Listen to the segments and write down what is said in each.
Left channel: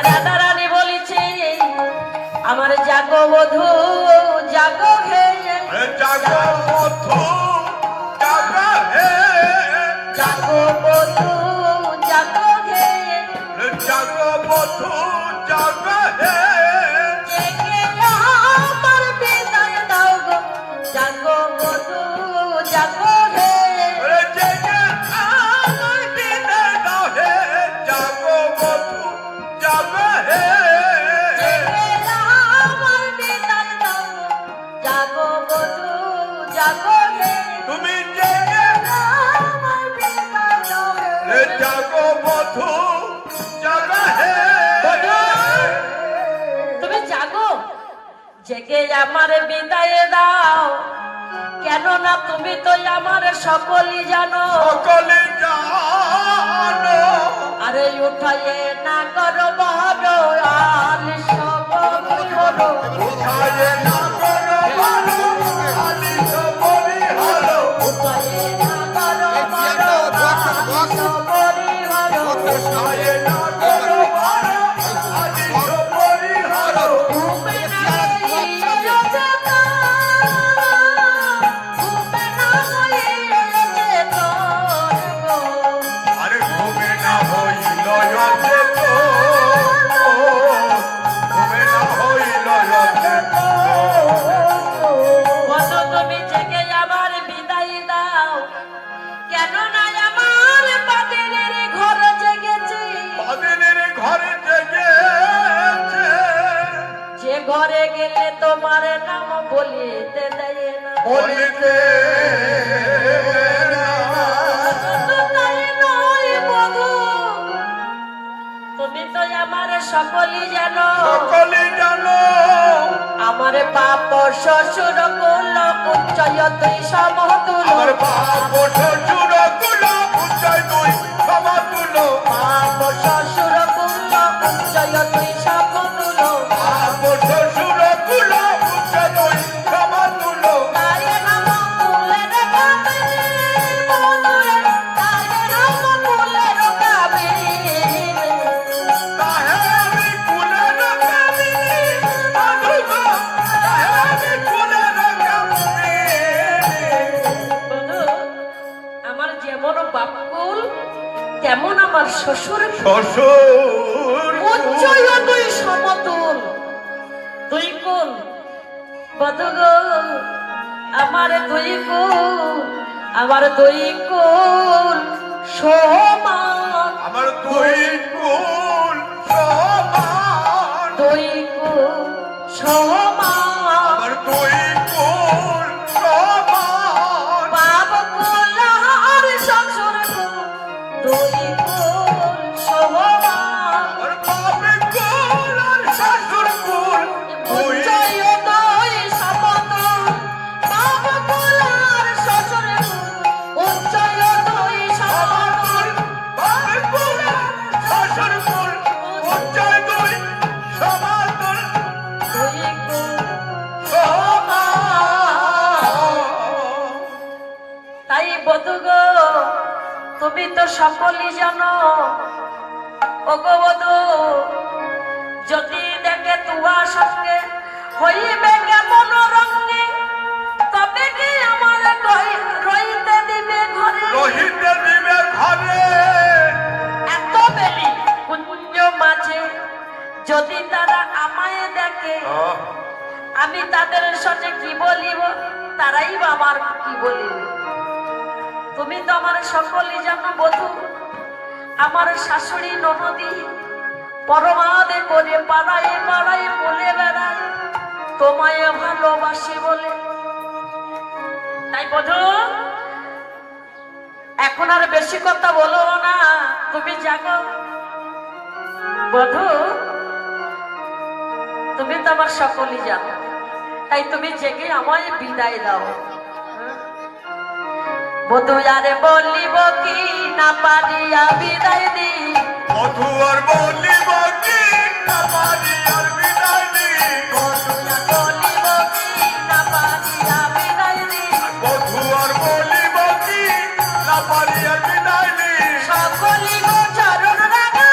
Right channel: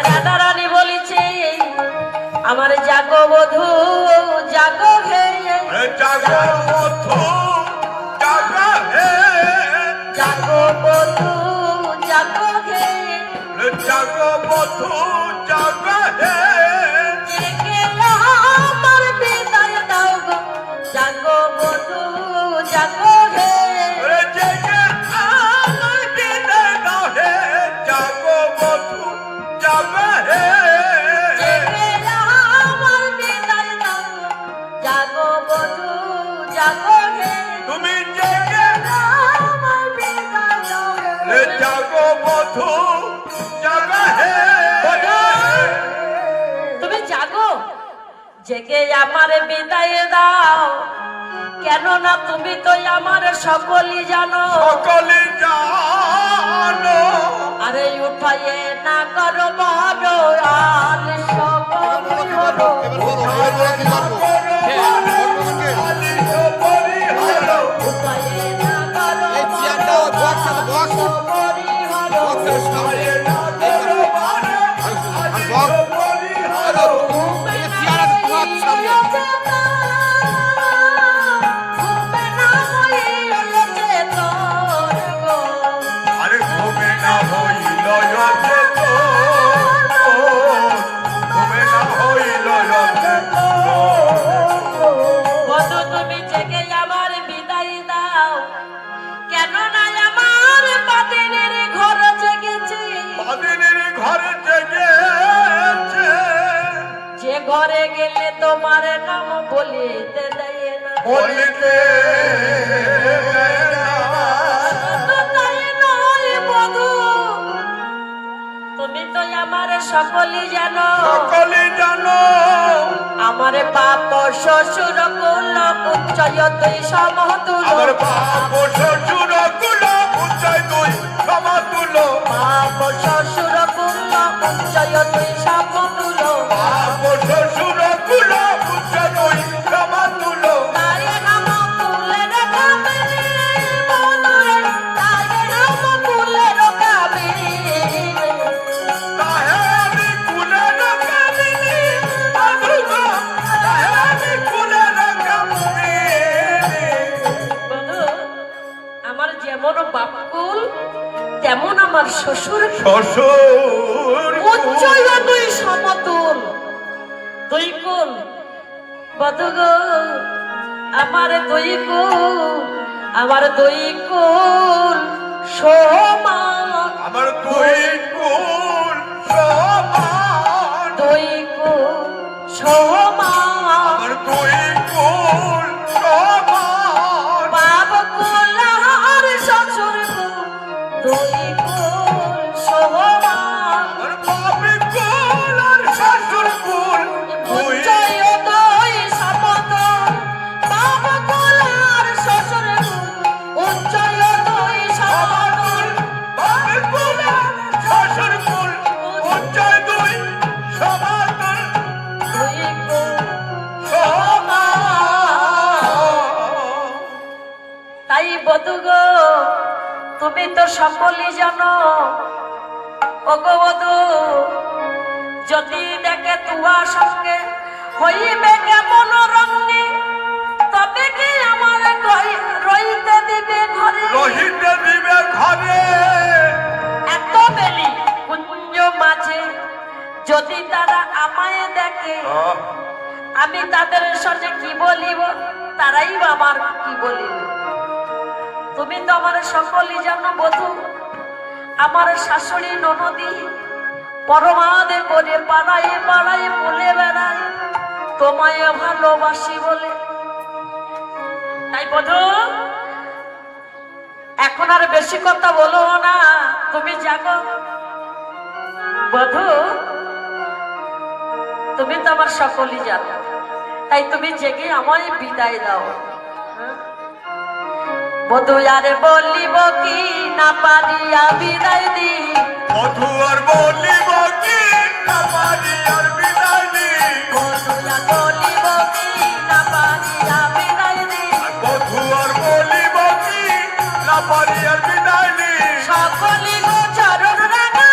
রাধারানী বলিছে আমার জাগো বধূ জাগো হে জাগো বধূ জাগো হে জাগো বধূ জাগো হে জাগো বধূ জাগো হে জেগে আমার বিদায় দাও গো জাগো বধূ জাগো হে জেগে আমার বিদায় দাও হে জাগো বধূ জাগো হে জেগে আমার বিদায় দাও জাগো বধূ জাগো হে তুমি জেগে আমার বিদায় দাও জাগো বধূ জাগো হে তুমি জাগো জেগে আমার বিদায় দাও কেননা তুমি তো আমার সকলই জানো সকলে জানো আরে উঠাইয়ে না করো বড় আল সকল হলো উঠাইয়ে না করো বড় আল সকলই হলো আরে ঘুমে না হইল রাতে তো ঘুমে না হইল রাতে বন্ধু তুমি জেগে আমার বিদায় দাও কেননা আমার পাতিনের ঘর জেগেছে বাদিনের ঘরে জেগেছে যে ঘরে গেলে তোমার নাম বলিতে দেয় না বলিতে বন্ধু তাই নয় বন্ধু তুমি তো আমার সকলই জানো সকলে জানো আমার বাপ শ্বশুর কুল উচ্চয় তুই সমতুল আমার বাপ শ্বশুর কুলো উচ্চয় তুই সমাতুল বাপ শ্বশুর কুল উচ্চয় তুই সমতুল বাপ শ্বশুর কুলো উচ্চয় তুই সমাতুল তাই নাম কুলের কাবিনী বন্ধুরে তাই নাম কুলের কাবিনী তাহে আমি কুলের কামিনী আদুগো তাহে আমি কুলের কামিনী বন্ধু আমার যেমন বাপকুল তেমন আমার শ্বশুর শ্বশুর উচ্চয় দুই সমতুল দুই কুল বধু গো আমার দুই কুল সমান আমার দুই কুল সমান দুই কুল সমান আমার দুই কুল সমান বাপ কুল আর শ্বশুর কুল দুই কুল সমান আমার বাপে কুল আর শ্বশুর কুল দুই উচ্চয় দুই সমতুল বাপ কুল আর শ্বশুর কুল উচ্চয় দুই সমতুল বাপে কুল আর শ্বশুর কুল উচ্চয় দুই সমাতুল দুই কুল সমান তাই বধু গো তুমি তো সকলই জানো ওগো বধু যদি দেখে তোমার সঙ্গে হইবে কেমন রঙ্গে তবে কি আমার রইতে দিবে ঘরে রহিতে দিবে ঘরে এত বেলি কুঞ্জ মাঝে যদি তারা আমায় দেখে আমি তাদের সাথে কি বলিব তারাই বা আমার কি বলিবে তুমি তো আমার সকলই জানো বধু আমার শাশুড়ি ননদি পরমাদে করে পাড়ায় পাড়ায় বলে বেড়ায় তোমায় ভালোবাসি বলে তাই বধু এখন আর বেশি কথা বলো না তুমি জাগো বধু তুমি তো আমার সকলই জানো তাই তুমি জেগে আমায় বিদায় দাও বধু আরে বলিব কি না পারিয়া বিদায় দি মধু আর বলিব কি না পারি আর বিদায় দি বধু আর বলিব কি না পারিয়া বিদায় দি মধু আর বলিব কি না পারি আর বিদায় দি সকলি চরণ রাখা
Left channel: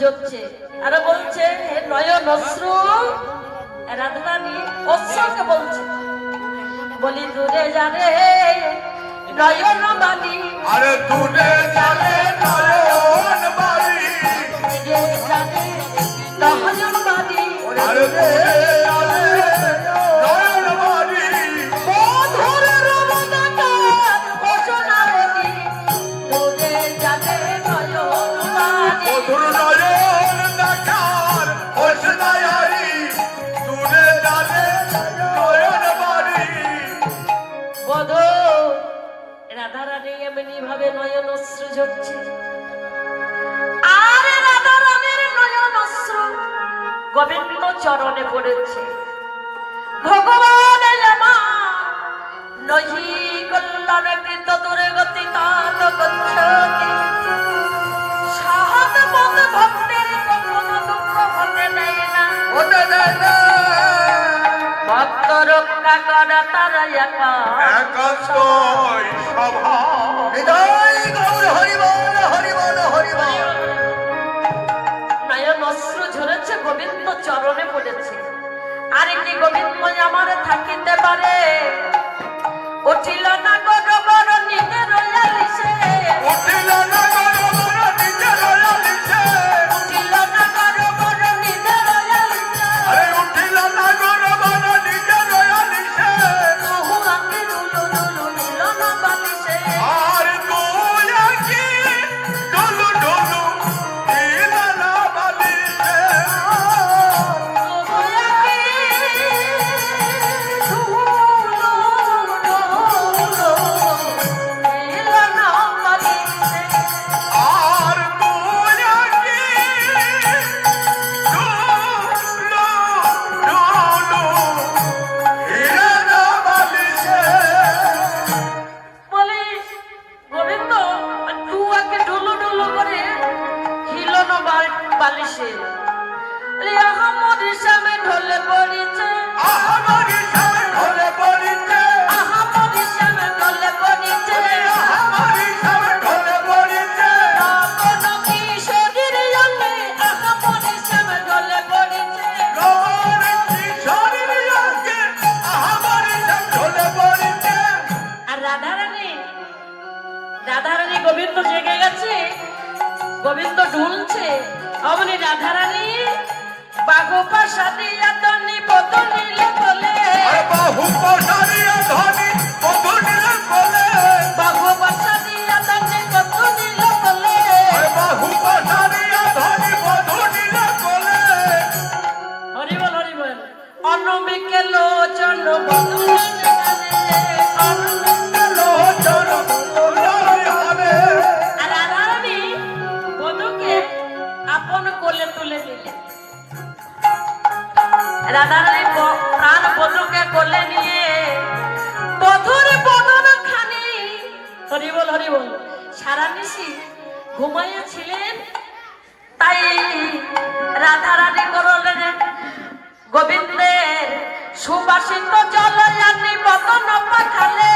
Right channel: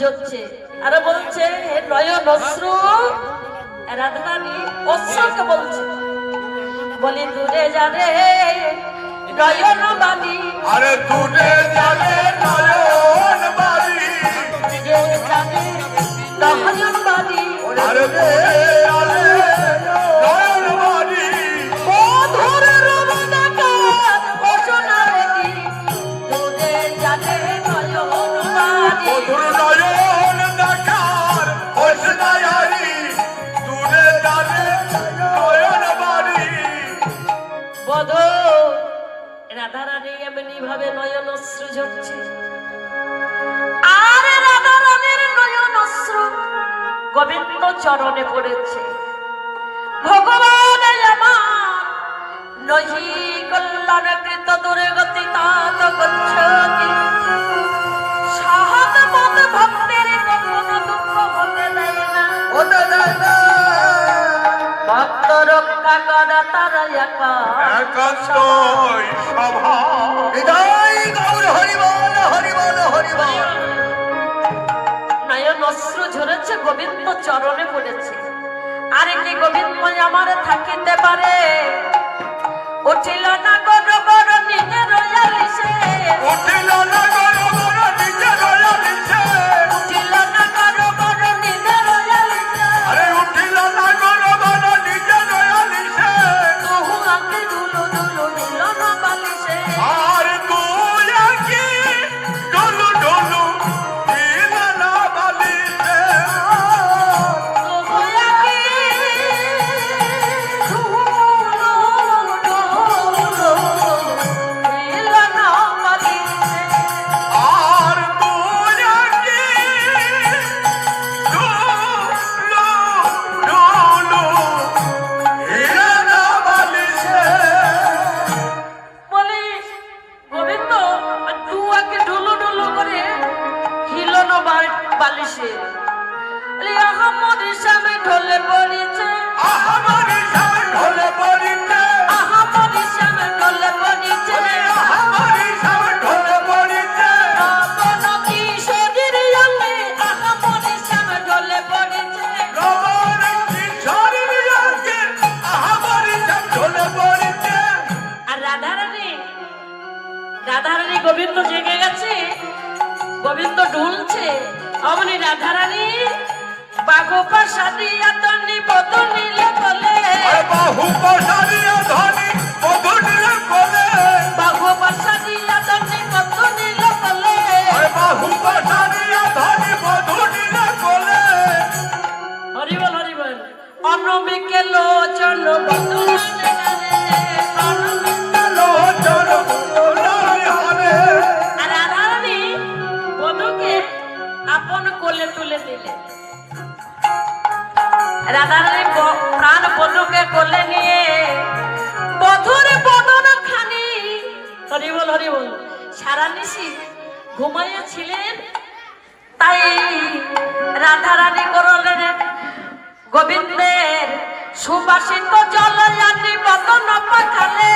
ঝরছে আর বলছে হে নয়ন অশ্রু। রাধারানী অশ্রুকে বলছে, বলি দূরে যাবে নয়ন বাণী, আরে দূরে যাবে নয়ন বাড়ি, দূরে যাবে নয়ন বাণী, আরে দূরে যাবে নয়ন বাড়ি, মধুর রমণাকার বসনারী, দূরে যাবে নয়ন বাণী। মধুর নয়ন দেখার হোসনায়ারি, দূরে যাবে নয়ন বাড়ি। বধূ রাধারানী এমনি ভাবে নয়ন অশ্রু ঝরছে, আর রাধারানীর নয়ন অশ্রু গোবিন্দ চরণে পড়েছে। ভগবান আমার নহি কল্যাণ কৃত দুর্গতি তাত গচ্ছতি, সাহাত পদ ভক্তির কখনো দুঃখ হতে দেয় না, ওটা দাদা ভক্ত রক্ষা করা তারা একা। একান্তই সভা। হৃদয় গৌর হরিবল হরিবল হরিবল। নয়ন অশ্রু ঝরেছে, গোবিন্দ চরণে পড়েছে। আর কি গোবিন্দ আমার থাকিতে পারে, উঠিল না গর গর নিজের আলিশে, উঠিল না গর গর নিজের আলিশে, উঠিল না গর গর নিজের আলিশে, আরে উঠিল না গর গর নিজের আলিশে, বহু আগে ডুলু ডুলু নিল না বালিশে, আর তুই কি ডলু ডলু নিল না বালিশে, বহু আগে নিল না বালিশে। আর তুই কি ডলু ডলু নিল না বালিশে। বলে গোবিন্দ দুয়াকে ডুলু ডুলু করে হিলনো বালিশে, বলে আহমদ হিসাবে ঢলে পড়েছে, আমার হিসাবে ঢলে পড়িতে, আহমদ হিসাবে ঢলে পড়েছে, আমার হিসাবে ঢলে পড়িতে, রমণ কিশোরীর অঙ্গে আহমদ হিসাবে ঢলে পড়েছে। রমণ কিশোরীর অঙ্গে আমার হিসাব ঢলে পড়িতে। আর রাধারানী গোবিন্দ জেগে গেছে, গোবিন্দ ঢুলছে, অমনি রাধারানী বাঘপা সাদিয়া তন্নি বদল নিলে বলে, বাহু পসারিয়া ধনি বধূ নিলে বলে, বাঘপা সাদিয়া তন্নি বদল নিলে বলে, বাহু পসারিয়া ধনি বধূ নিলে বলে। হরিবল হরিবল। অনবিকে লোচন বদল লোচন বদলাই হবে। আর রাধারানী বধূকে আপন কোলে তুলে দিলেন। রাধারানী প্রাণ বধূকে কোলে নিয়ে বধূর বদন খানি হরিবল হরিবল সারা নিশি ঘুমাইয়াছিলেন। তাই রাধারানী করলেন গোবিন্দের সুবাসিত জলয়ানি বদন পাখালে,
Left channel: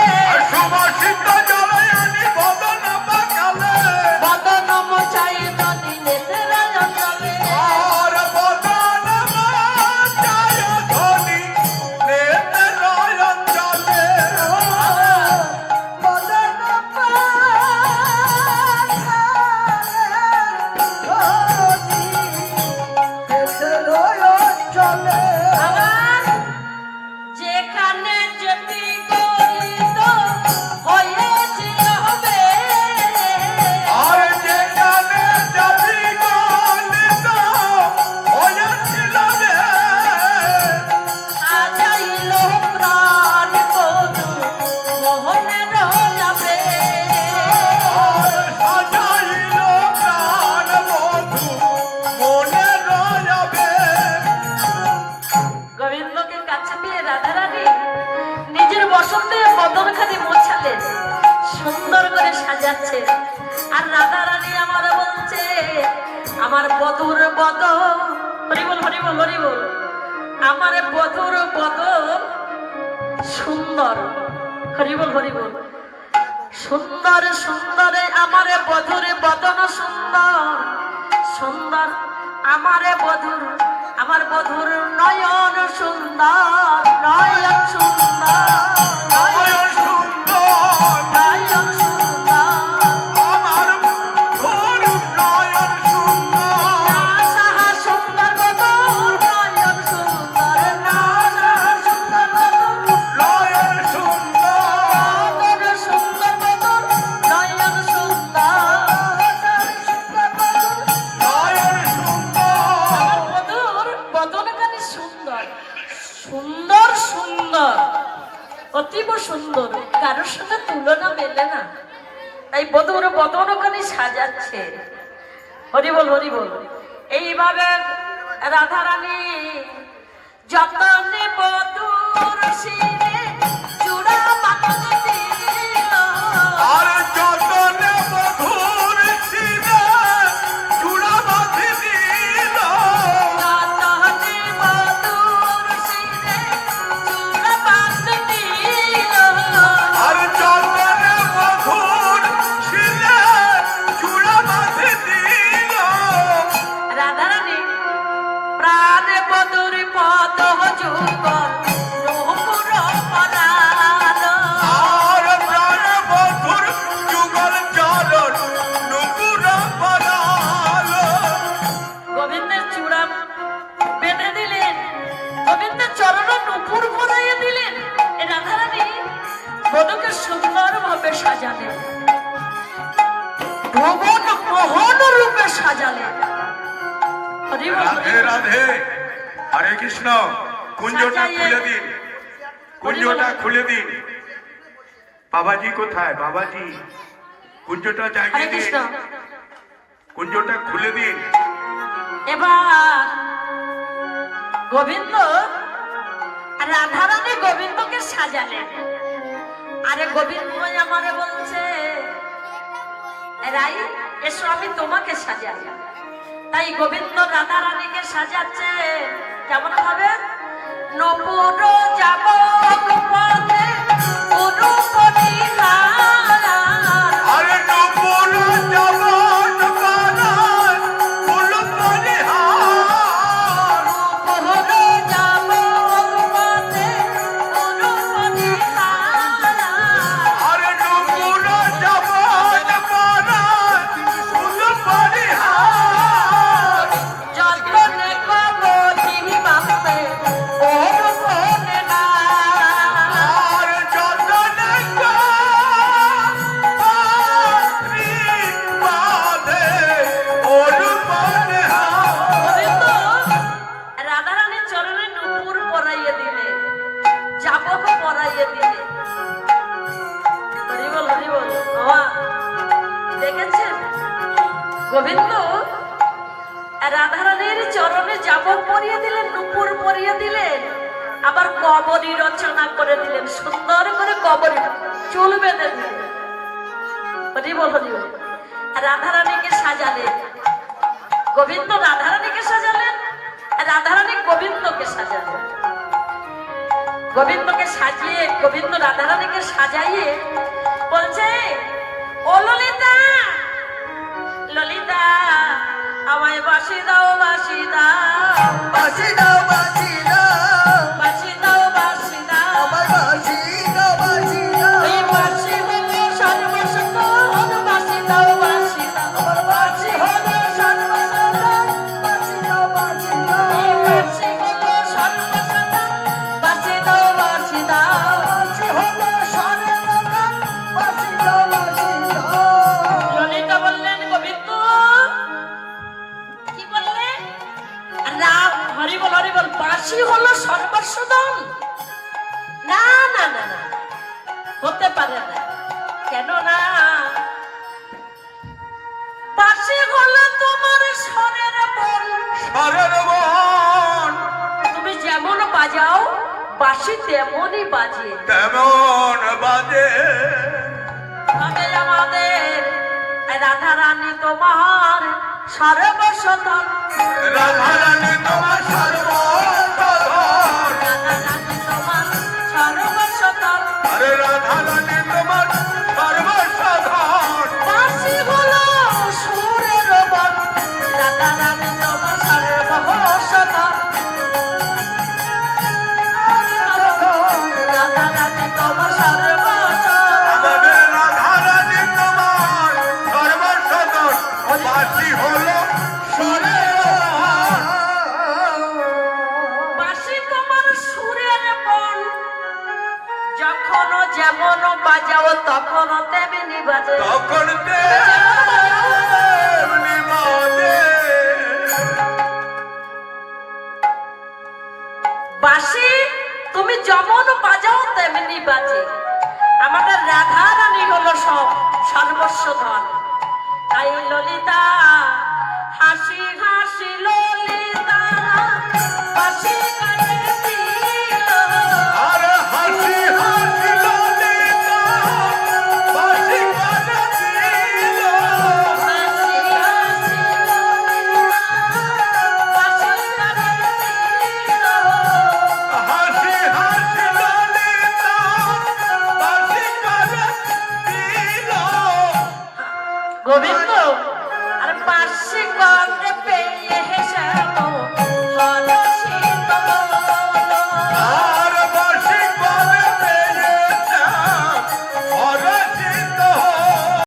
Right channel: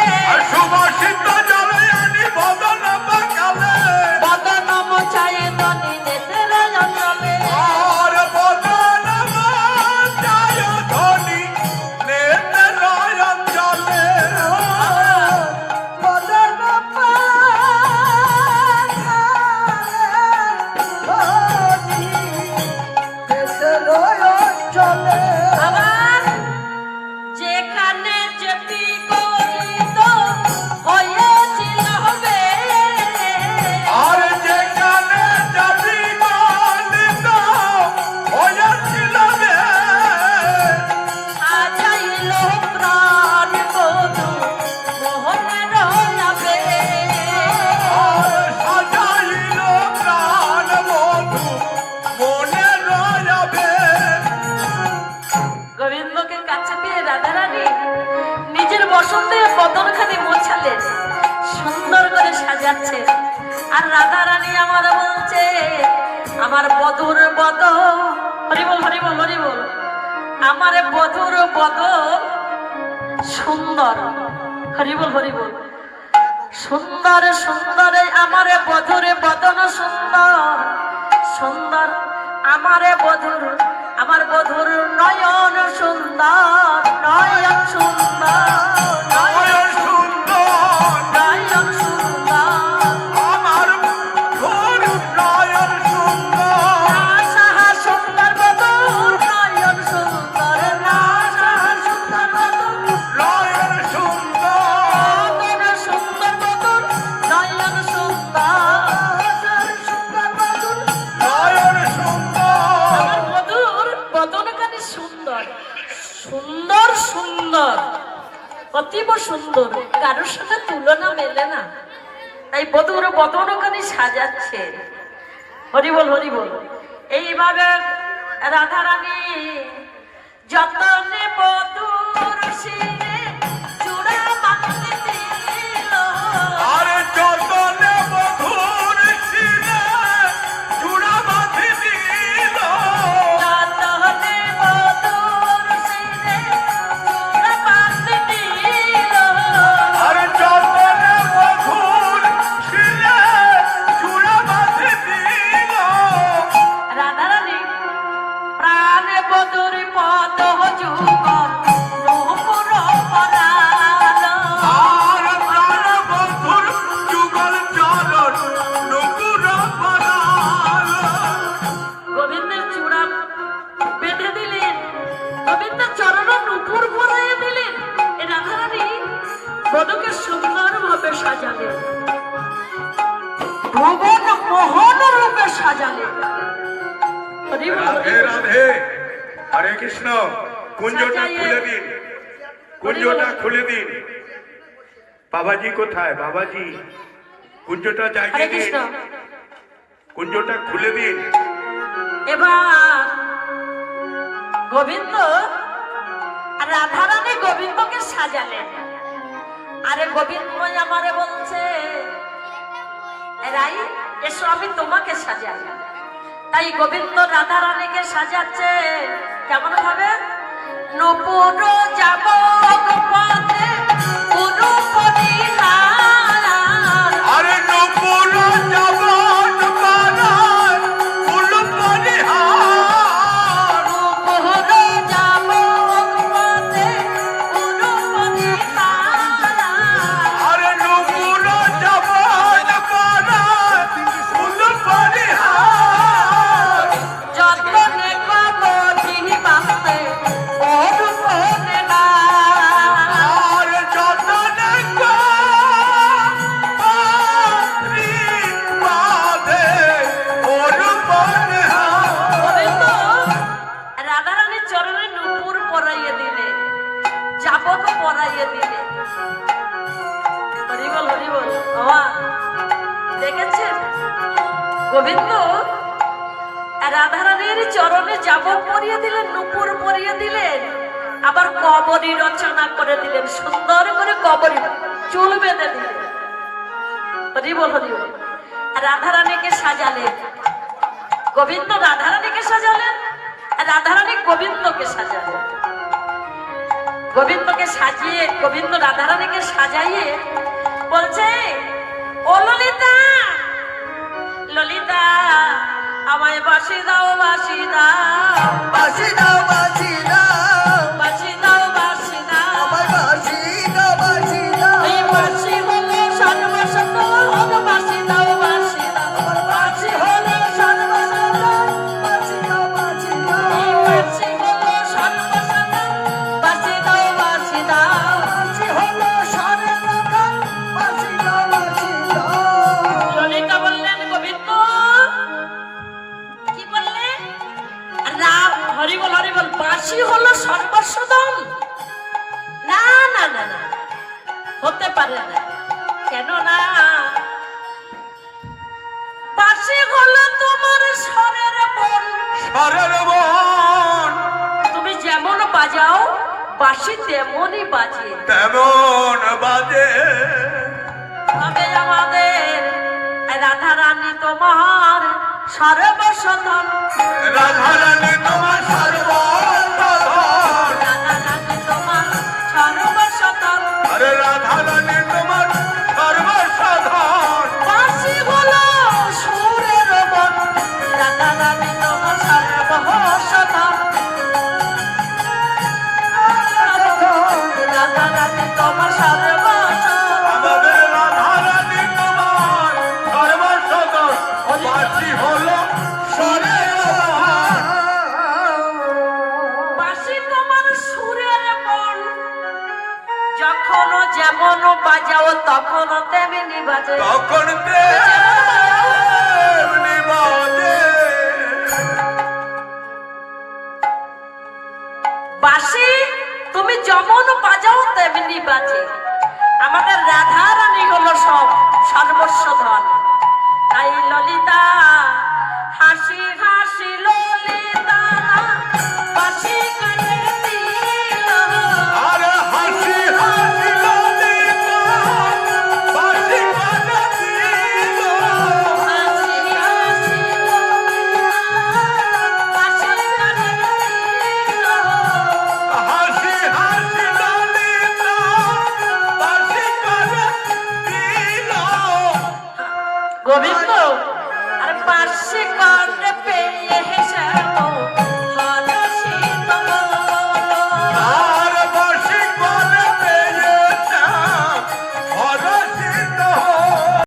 সুবাসিত জলয়ানি বদন পাখালে, বদন মোছাই দনি নেতের জলে, আর বদন মোছাই ধনি নেতের জলে, বদন যেখানে যেটি করিত হয়েছিল হবে, আর যেখানে যাবি গলিত হয়েছিল রে, সাজাইল প্রাণ বধূ মোহনের যাবে, সাজাইল প্রাণ বধূ মনে রয়াবে। গোবিন্দকে কাছে পেয়ে রাধারানী নিজের বসন্তের বদনখানি মোছালেন, সুন্দর করে সাজাচ্ছেন। আর রাধারানী আমার বলছে আমার বধুর বদন, হরিবল হরিবল হরিবল, আমার বধুর বদন সুন্দর, হরিবল হরিবল, সুন্দর সুন্দর আমার বধুর বদন সুন্দর সুন্দর। বধুর আমার বধুর নয়ন সুন্দর নয়ন সুন্দর নয়ন সুন্দর নয়ন সুন্দর আমার ঘোর নয়ন সুন্দর সাহা সুন্দর বধুর নয়ন সুন্দর সাহা সুন্দর বধুর নয়ন সুন্দর নয়ন সুন্দর বধুর নয়ন সুন্দর সুন্দর বধুর নয়ন সুন্দর বধুর বদনখানি সুন্দর সুন্দর সুন্দর অতীব সুন্দর কারোর সাথে তুলনা মেলে না তাই বধুর বদনখানি সাজাচ্ছে হরি বল হরি বল এইভাবে রাধারানী যতনে বধুর শিরে চূড়া মাখনে দিল আর যতনে মধুর ছিলে চূড়া বাঁধি দিল যতনে বধুর শিরে চূড়া মাখনে দিল আর যতনে মধুর ছিলে চূড়া বাঁধি দিল রাধারানী প্রাণে বধুর পদ যুগ নূপুর পরালো আর প্রাণ মধুর যুগল চরণ নুপুর পরালো গোবিন্দের চূড়া বেঁধে দিলেন গোবিন্দের চরণ নূপুর পরাইয়ে দিলেন এই রাধারানী বধূকে সুন্দর ভাবে সাজালেন ভুবন মোহন রূপে সাজালেন হরি বল, হরি রাধে বল। রাধে হরে কৃষ্ণ কুঞ্জটা খুলে দিন কুঞ্জটা খুলে দিন বাবাজি কোথায় বাবাজি কুঞ্জটা হরে জায়গায় দিন কৃষ্ণ কুঞ্জটা খুলে দিন এবার গোবিন্দ আর রাধারানী গোবিন্দকে সাজালেন আরে গোবিন্দ আমারে বলছে রাই এসো আমি তোমাকে সাজাই তাই গোবিন্দ রাধারানীকে সাজাচ্ছে কেমন ভাবে নপুর যাব পথে উরূপ নিহার আরে নপুর জবন পারার ফুল পরিহার নপুর যাব পথে উরূপ নিহার আরে নপুর জবন পারার ফুল পরিহার যতনে কবি বাপে ওরূপনে না আর যতনে পারি বাঁধে ওর পরিহার গোবিন্দ রাধারানীর চরণে নূপুর পরাইয়ে দিলে চাবক পরাইয়ে দিলে হরি বল হরি বল বাবা দেখেছেন গোবিন্দ রাধারানীর চরণে চাবক পরিয়ে দিলেন নূপুর পরিয়ে দিলেন আবার কবরী রচনা করে দিলেন সুন্দর করে কবরী চুল বেঁধে দিলেন হরি বল হরি বল রাধারানীকে সাজালেন গোবিন্দ রাধারানীকে সাজালেন রাধারানী গোবিন্দকে সাজালেন গোবিন্দকে সাজিয়ে গোবিন্দ রাধারানীকে সাজাইয়ে বলছে ও ললিতা ললিতা আমায় বাসি দাও বাসি দাও বাঁশি দাও বাঁশি দাও বাসি দাও বাসি দাও আমার বাঁশি দাও বাঁশি দাও এই বাসি হলো সর্বসত বাসি দাও বাসি দাও আমার বাঁশি হলো সর্বসত বাঁশি দাও বাঁশি দাও বাসি হলো সর্বসত বাসি দাও বাসি দাও বাঁশি হলো সর্বসত বাঁশি দাও বাঁশি দাও ললিতা বললেন গোবিন্দ কি বললেন রাম হরি বল বাসি হলো সর্বস্বদম না না না না হতে পারে না কেন না বাসি হলো তোমার স্বরের বল স্বরের মন তুমি যেমন বাজাও বাসি তেমনই বাজে তেমন বাজে তবে আমাদের রাধারানী তোমার সর্বস্বতম রাধারানী তোমার সর্ব